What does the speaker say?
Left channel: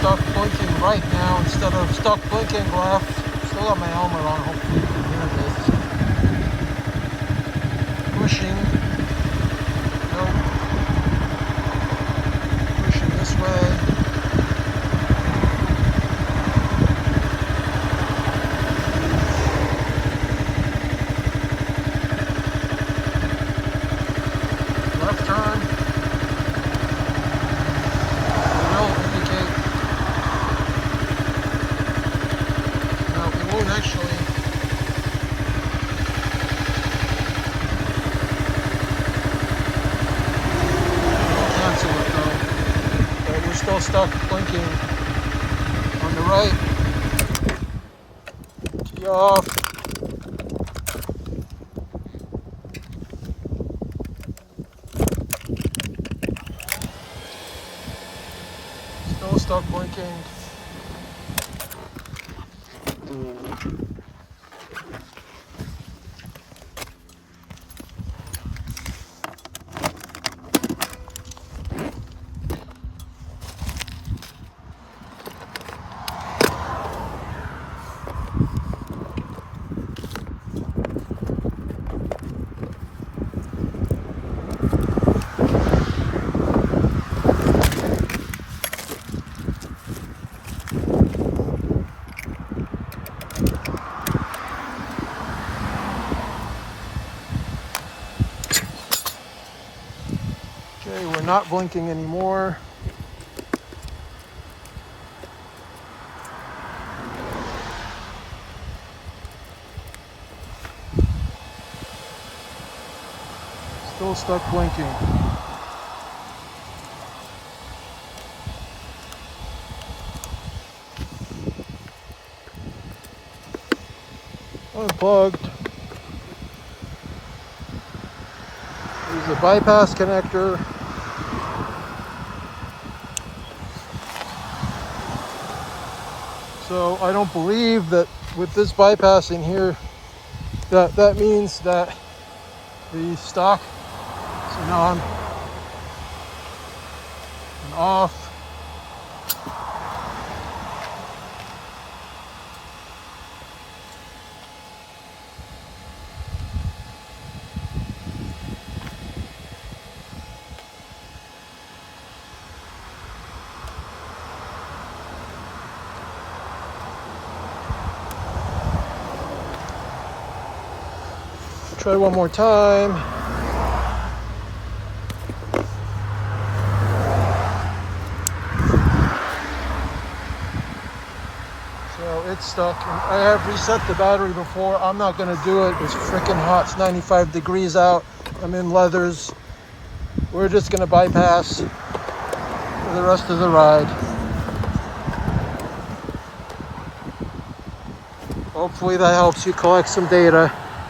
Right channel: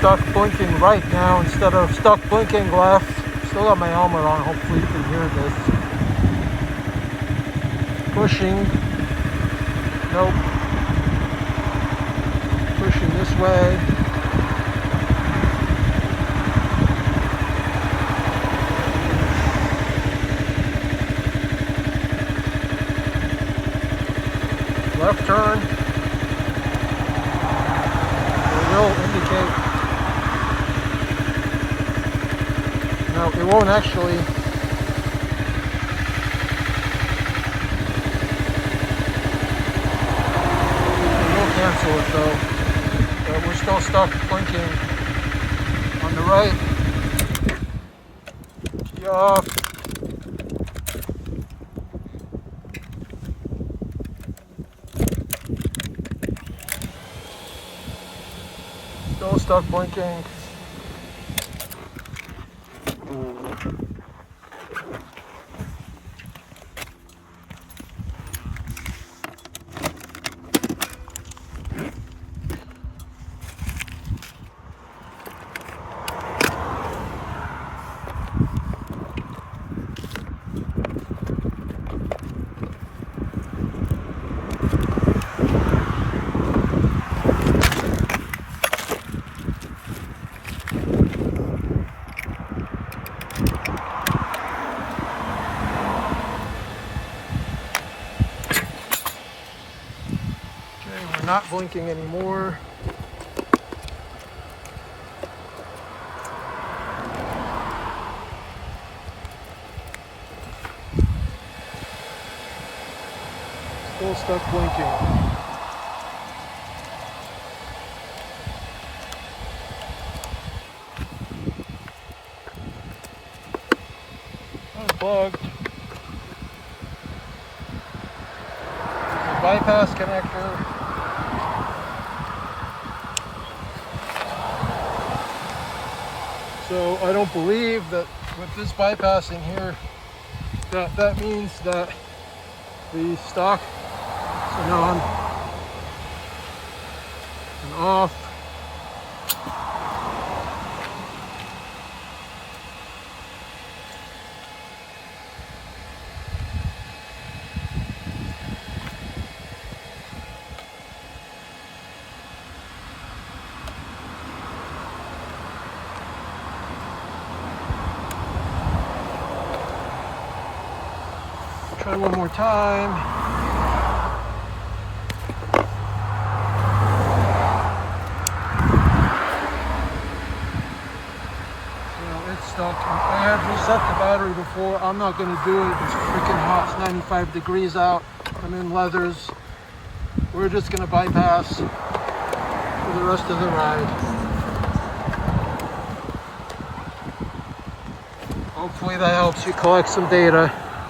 stuck blinking right now instead of stuck blinking left. Still got my helmet on, hopefully you can hear this. Pushing. Nope. Pushing this way. Left turn. It will indicate. No, it won't actually. It will cancel it though. But we're still stuck blinking on the right. Be off. Still stuck blinking. Okay, we're not blinking anymore. Still stuck blinking. Unplugged. There's a bypass connector. So I don't believe that with this bypassing here, that means that the stock. So now I'm off. Try one more time. So it's stuck. I have reset the battery before. I'm not going to do it. It's freaking hot. It's 95 degrees out. I'm in leathers. We're just going to bypass for the rest of the ride. Hopefully that helps you collect some data.